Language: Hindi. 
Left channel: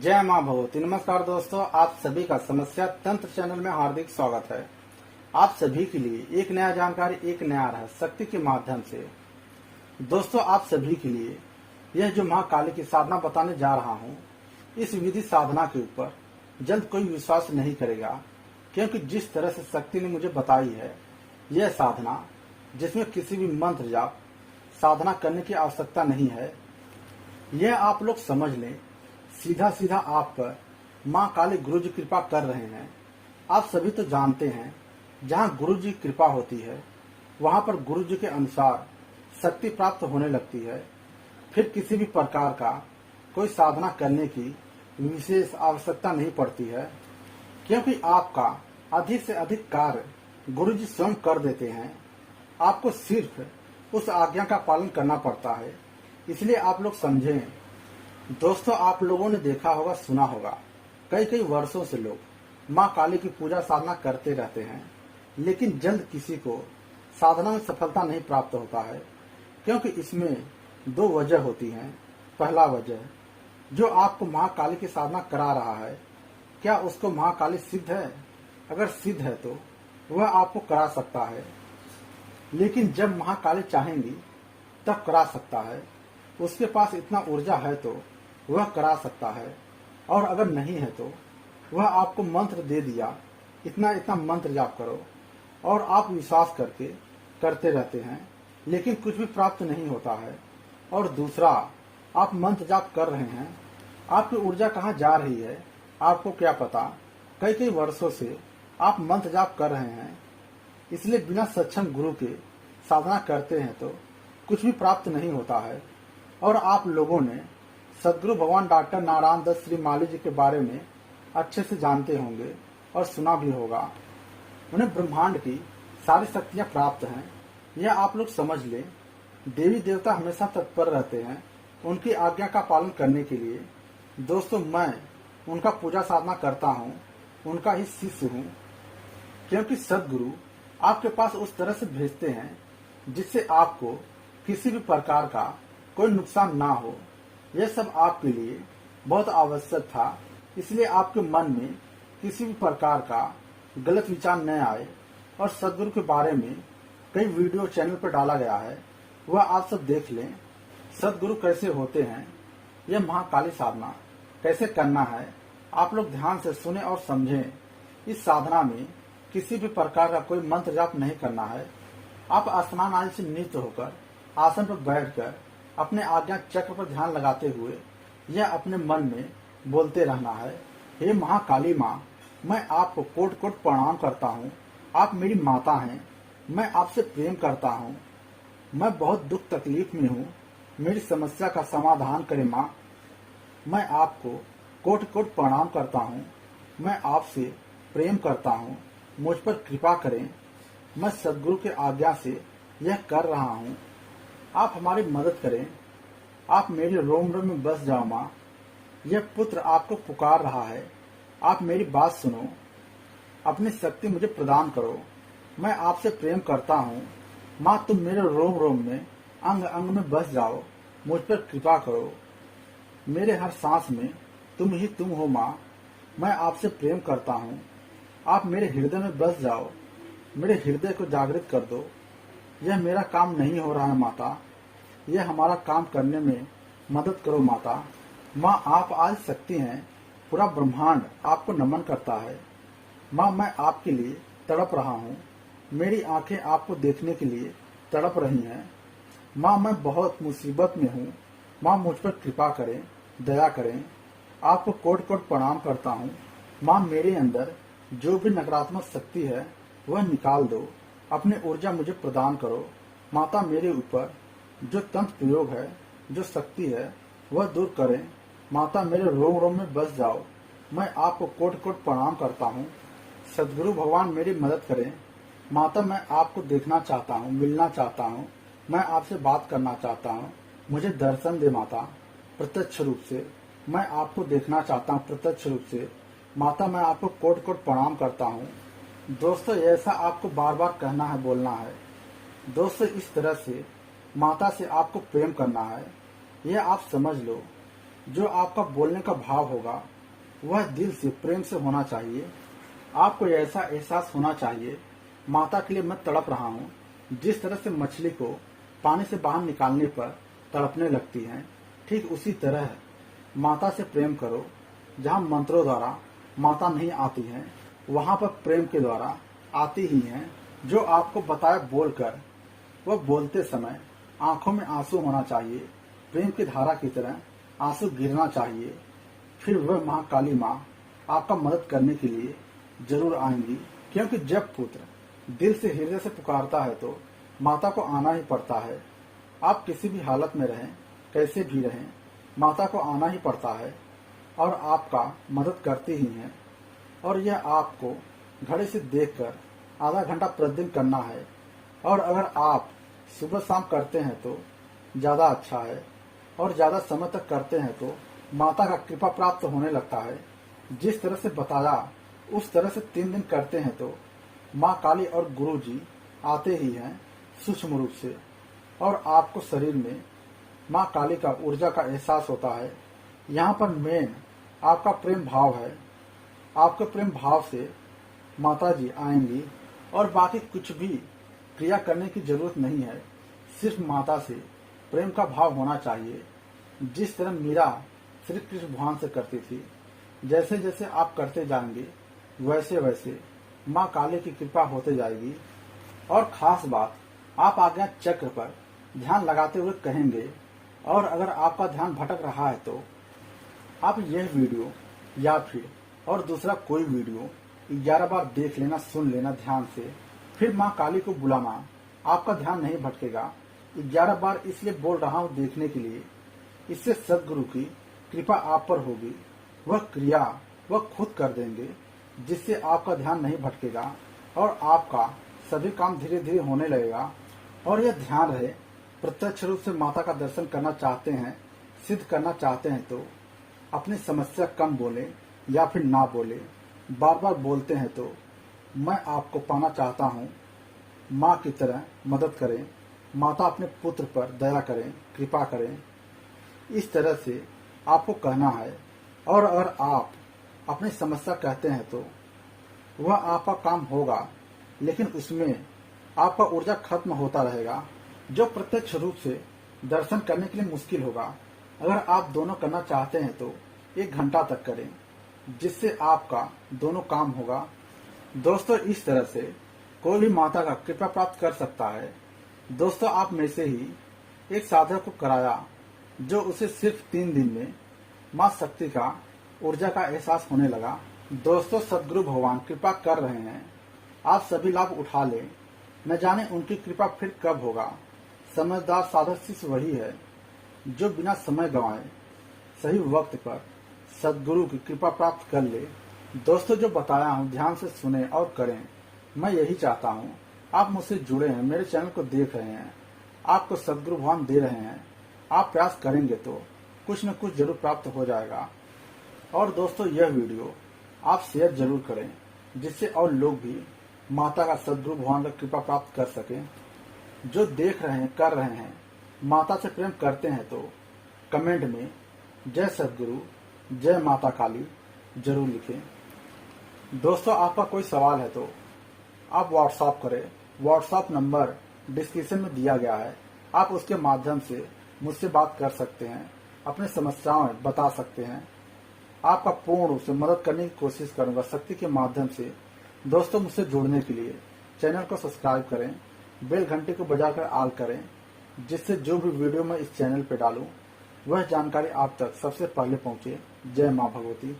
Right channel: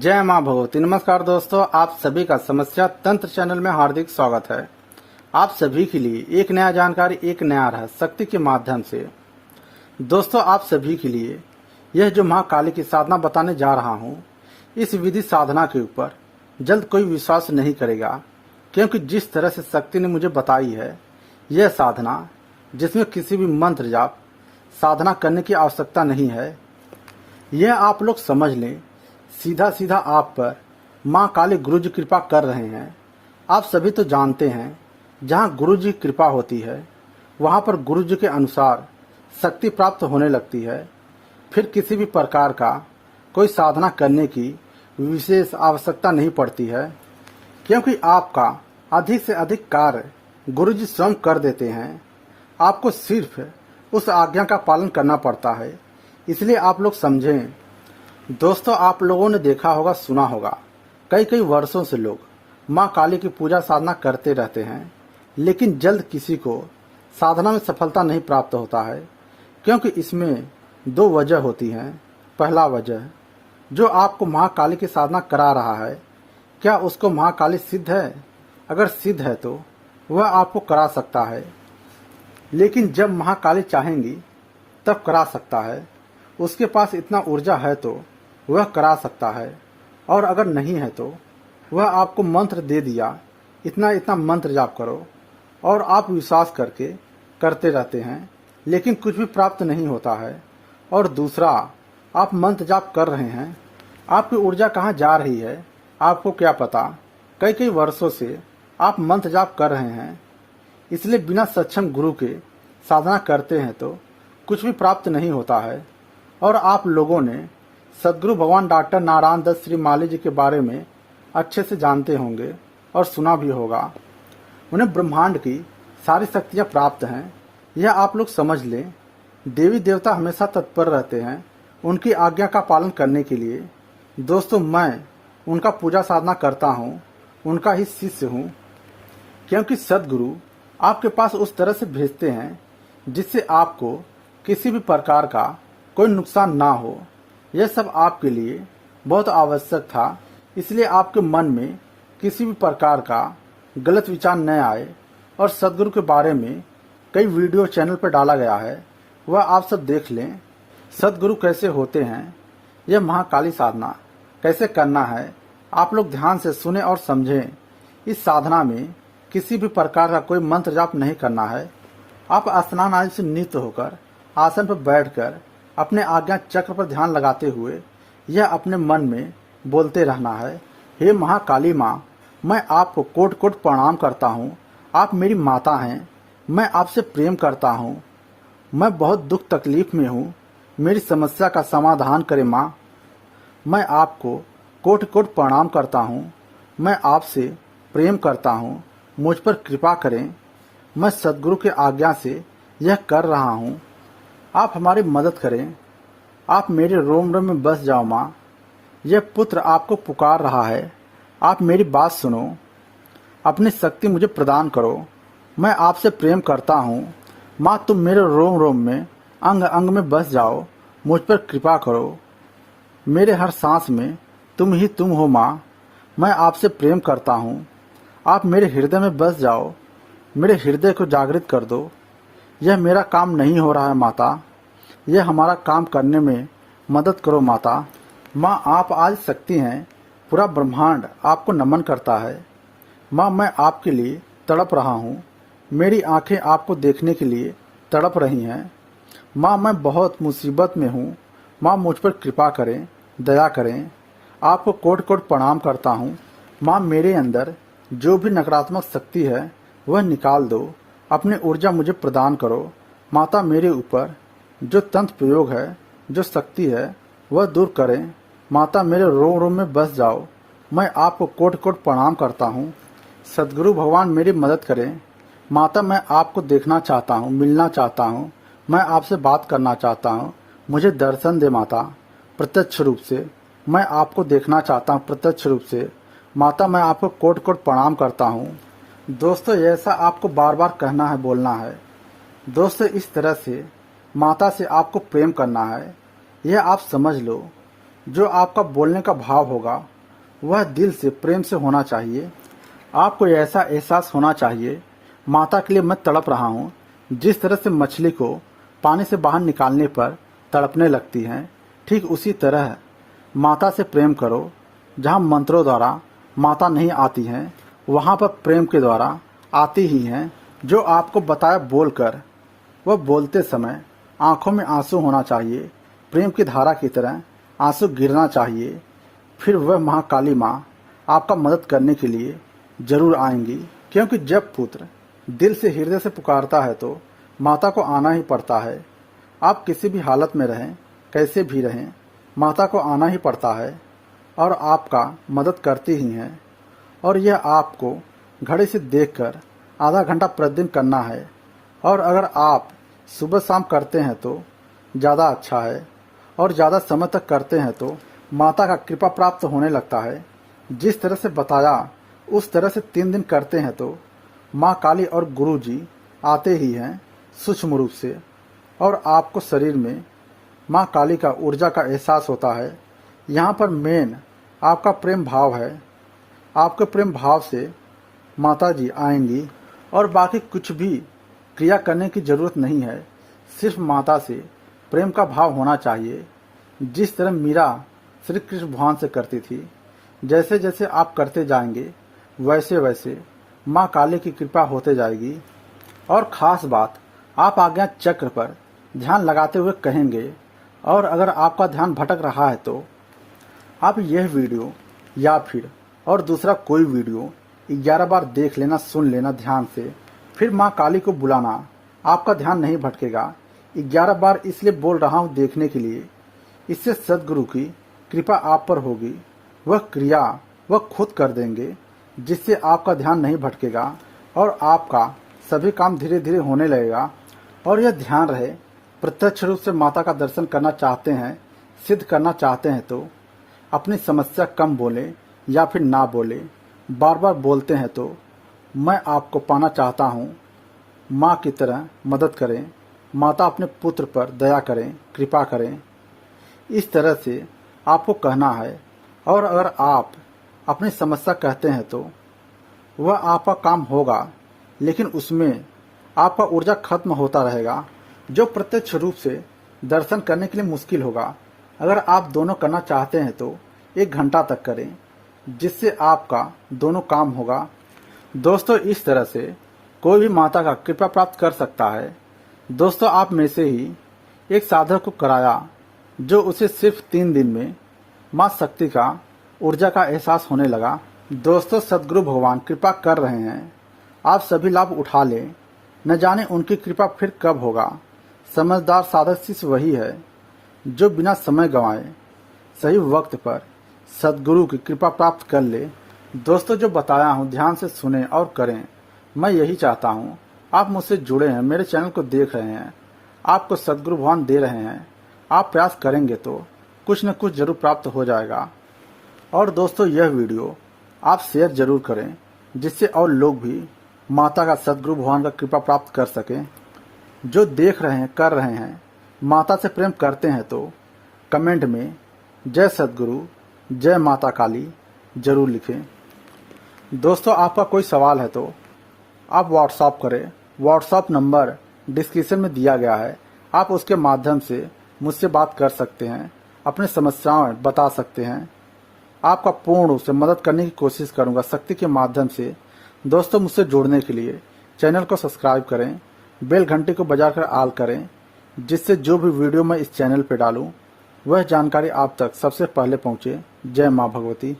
जय माँ भगवती। नमस्कार दोस्तों, आप सभी का समस्या तंत्र चैनल में हार्दिक स्वागत है। आप सभी के लिए एक नया जानकारी, एक नया रहस्य शक्ति के माध्यम से। दोस्तों, आप सभी के लिए यह जो माँ काली की साधना बताने जा रहा हूँ, इस विधि साधना के ऊपर जल्द कोई विश्वास नहीं करेगा, क्योंकि जिस तरह से शक्ति ने मुझे बताई है, यह साधना जिसमें किसी भी मंत्र जाप साधना करने की आवश्यकता नहीं है। यह आप लोग समझ लें, सीधा सीधा आप पर माँ काली गुरु जी कृपा कर रहे हैं। आप सभी तो जानते हैं, जहाँ गुरु जी कृपा होती है वहाँ पर गुरु जी के अनुसार शक्ति प्राप्त होने लगती है। फिर किसी भी प्रकार का कोई साधना करने की विशेष आवश्यकता नहीं पड़ती है, क्योंकि आपका अधिक से अधिक कार्य गुरु जी स्वयं कर देते हैं। आपको सिर्फ उस आज्ञा का पालन करना पड़ता है। इसलिए आप लोग समझें। दोस्तों, आप लोगों ने देखा होगा, सुना होगा, कई कई वर्षों से लोग माँ काली की पूजा साधना करते रहते हैं, लेकिन जल्द किसी को साधना में सफलता नहीं प्राप्त होता है, क्योंकि इसमें दो वजह होती हैं। पहला वजह, जो आपको माँ काली की साधना करा रहा है, क्या उसको माँ काली सिद्ध है? अगर सिद्ध है तो वह आपको करा सकता है, लेकिन जब माँ काली चाहेंगी तब करा सकता है। उसके पास इतना ऊर्जा है तो वह करा सकता है, और अगर नहीं है तो वह आपको मंत्र दे दिया, इतना इतना मंत्र जाप करो, और आप विश्वास करके करते रहते हैं, लेकिन कुछ भी प्राप्त नहीं होता है। और दूसरा, आप मंत्र जाप कर रहे हैं, आपकी ऊर्जा कहाँ जा रही है आपको क्या पता। कई कई वर्षों से आप मंत्र जाप कर रहे हैं, इसलिए बिना सक्षम गुरु के साधना करते हैं तो कुछ भी प्राप्त नहीं होता है। और आप लोगों ने सदगुरु भगवान डॉक्टर नारायण दत्त श्री माली जी के बारे में अच्छे से जानते होंगे और सुना भी होगा। उन्हें ब्रह्मांड की सारी शक्तियाँ प्राप्त हैं, यह आप लोग समझ लें। देवी देवता हमेशा तत्पर रहते हैं उनकी आज्ञा का पालन करने के लिए। दोस्तों, मैं उनका पूजा साधना करता हूँ, उनका ही शिष्य हूँ, क्योंकि सदगुरु आपके पास उस तरह से भेजते हैं जिससे आपको किसी भी प्रकार का कोई नुकसान ना हो। यह सब आपके लिए बहुत आवश्यक था, इसलिए आपके मन में किसी भी प्रकार का गलत विचार न आए। और सदगुरु के बारे में कई वीडियो चैनल पर डाला गया है, वह आप सब देख लें। सदगुरु कैसे होते हैं, यह महाकाली साधना कैसे करना है, आप लोग ध्यान से सुने और समझें। इस साधना में किसी भी प्रकार का कोई मंत्र जाप नहीं करना है। आप स्नान आदि से निवृत्त होकर आसन पर बैठकर अपने आज्ञा चक्र पर ध्यान लगाते हुए यह अपने मन में बोलते रहना है, हे महाकाली माँ, मैं आपको कोटि कोटि प्रणाम करता हूँ। आप मेरी माता हैं, मैं आपसे प्रेम करता हूँ। मैं बहुत दुख तकलीफ में हूँ, मेरी समस्या का समाधान करें माँ। मैं आपको कोटि कोटि प्रणाम करता हूँ, मैं आपसे प्रेम करता हूँ, मुझ पर कृपा करें। मैं सदगुरु के आज्ञा से यह कर रहा हूँ, आप हमारी मदद करें। आप मेरे रोम रोम में बस जाओ माँ, यह पुत्र आपको पुकार रहा है, आप मेरी बात सुनो, अपनी शक्ति मुझे प्रदान करो। मैं आपसे प्रेम करता हूँ माँ, तुम मेरे रोम रोम में अंग अंग में बस जाओ, मुझ पर कृपा करो। मेरे हर सांस में तुम ही तुम हो माँ, मैं आपसे प्रेम करता हूँ। आप मेरे हृदय में बस जाओ, मेरे हृदय को जागृत कर दो। यह मेरा काम नहीं हो रहा है माता, यह हमारा काम करने में मदद करो माता। माँ, आप आज शक्ति हैं, पूरा ब्रह्मांड आपको नमन करता है। माँ, मैं आपके लिए तड़प रहा हूँ, मेरी आंखें आपको देखने के लिए तड़प रही हैं। माँ, मैं बहुत मुसीबत में हूँ, माँ मुझ पर कृपा करें, दया करें। आपको कोटि कोटि प्रणाम करता हूँ। माँ, मेरे अंदर जो भी नकारात्मक शक्ति है वह निकाल दो, अपनी ऊर्जा मुझे प्रदान करो। माता, मेरे ऊपर जो तंत्र प्रयोग है, जो शक्ति है, वह दूर करें। माता, मेरे रोम रोम में बस जाओ, मैं आपको कोटि कोटि प्रणाम करता हूँ। सदगुरु भगवान मेरी मदद करें। माता, मैं आपको देखना चाहता हूँ, मिलना चाहता हूँ, मैं आपसे बात करना चाहता हूँ, मुझे दर्शन दे माता, प्रत्यक्ष रूप से। मैं आपको देखना चाहता हूँ प्रत्यक्ष रूप से। माता, मैं आपको कोटि कोटि प्रणाम करता हूँ। दोस्तों, ऐसा आपको बार बार कहना है, बोलना है। दोस्तों, इस तरह से माता से आपको प्रेम करना है, यह आप समझ लो। जो आपका बोलने का भाव होगा वह दिल से प्रेम से होना चाहिए। आपको ऐसा एहसास होना चाहिए, माता के लिए मैं तड़प रहा हूँ। जिस तरह से मछली को पानी से बाहर निकालने पर तड़पने लगती है, ठीक उसी तरह माता से प्रेम करो। जहाँ मंत्रों द्वारा माता नहीं आती हैं, वहाँ पर प्रेम के द्वारा आती ही हैं। जो आपको बताया बोलकर, वह बोलते समय आंखों में आंसू होना चाहिए, प्रेम की धारा की तरह आंसू गिरना चाहिए। फिर वह महाकाली माँ आपका मदद करने के लिए जरूर आएंगी, क्योंकि जब पुत्र दिल से हृदय से पुकारता है तो माता को आना ही पड़ता है। आप किसी भी हालत में रहें, कैसे भी रहें, माता को आना ही पड़ता है और आपका मदद करती ही हैं। और यह आपको घड़ी से देखकर आधा घंटा प्रतिदिन करना है। और अगर आप सुबह शाम करते हैं तो ज़्यादा अच्छा है, और ज़्यादा समय तक करते हैं तो माता का कृपा प्राप्त होने लगता है। जिस तरह से बताया उस तरह से 3 दिन करते हैं तो माँ काली और गुरु जी आते ही हैं सूक्ष्म रूप से, और आपको शरीर में माँ काली का ऊर्जा का एहसास होता है। यहाँ पर मेन आपका प्रेम भाव है। आपके प्रेम भाव से माता जी आएंगी और बाकी कुछ भी क्रिया करने की जरूरत नहीं है। सिर्फ माता से प्रेम का भाव होना चाहिए। जिस तरह मीरा श्री कृष्ण भगवान से करती थी, जैसे जैसे आप करते जाएंगे वैसे वैसे माँ काली की कृपा होते जाएगी। और खास बात, आप आज्ञा चक्र पर ध्यान लगाते हुए कहेंगे। और अगर आपका ध्यान भटक रहा है तो आप यह वीडियो या फिर और दूसरा कोई वीडियो 11 बार देख लेना, सुन लेना ध्यान से, फिर माँ काली को बुलाना। आपका ध्यान नहीं भटकेगा। 11 बार इसलिए बोल रहा हूँ देखने के लिए, इससे सदगुरु की कृपा आप पर होगी। वह क्रिया वह खुद कर देंगे, जिससे आपका ध्यान नहीं भटकेगा और आपका सभी काम धीरे धीरे होने लगेगा। और यह ध्यान रहे, प्रत्यक्ष रूप से माता का दर्शन करना चाहते हैं, सिद्ध करना चाहते हैं तो अपनी समस्या कम बोलें या फिर ना बोलें। बार बार बोलते हैं तो मैं आपको पाना चाहता हूँ, माँ की तरह मदद करें, माता अपने पुत्र पर दया करें, कृपा करें। इस तरह से आपको कहना है। और अगर आप अपनी समस्या कहते हैं तो वह आपका काम होगा, लेकिन उसमें आपका ऊर्जा खत्म होता रहेगा, जो प्रत्यक्ष रूप से दर्शन करने के लिए मुश्किल होगा। अगर आप दोनों करना चाहते हैं तो 1 घंटा तक करें, जिससे आपका दोनों काम होगा। दोस्तों, इस तरह से कोई भी माता का कृपा प्राप्त कर सकता है। दोस्तों, आप में से ही एक साधक को कराया, जो उसे सिर्फ 3 दिन में माँ शक्ति का ऊर्जा का एहसास होने लगा। दोस्तों, सदगुरु भगवान कृपा कर रहे हैं, आप सभी लाभ उठा लें। न जाने उनकी कृपा फिर कब होगा। समझदार साधक शिष्य वही है जो बिना समय गंवाए सही वक्त पर सदगुरु की कृपा प्राप्त कर ले। दोस्तों, जो बताया हूँ ध्यान से सुने और करें। मैं यही चाहता हूँ। आप मुझसे जुड़े हैं, मेरे चैनल को देख रहे हैं, आपको सदगुरु भगवान दे रहे हैं। आप प्रयास करेंगे तो कुछ न कुछ जरूर प्राप्त हो जाएगा। और दोस्तों, यह वीडियो आप शेयर जरूर करें, जिससे और लोग भी माता का, सदगुरु भगवान का कृपा प्राप्त कर सकें। जो देख रहे हैं, कर रहे हैं, माता से प्रेम करते हैं तो कमेंट में जय सदगुरु, जय माता काली जरूर लिखें। दोस्तों, आपका कोई सवाल है तो आप व्हाट्सएप करें। व्हाट्सएप नंबर डिस्क्रिप्शन में दिया गया है। आप उसके माध्यम से मुझसे बात कर सकते हैं, अपनी समस्याएं बता सकते हैं। आपका पूर्ण रूप से मदद करने की कोशिश करूंगा शक्ति के माध्यम से। दोस्तों, मुझसे जुड़ने के लिए चैनल को सब्सक्राइब करें, बेल घंटी को बजाकर ऑल करें, जिससे जो भी वीडियो मैं इस चैनल पर डालूं वह जानकारी आप तक सबसे पहले पहुंचे। जय मां भगवती।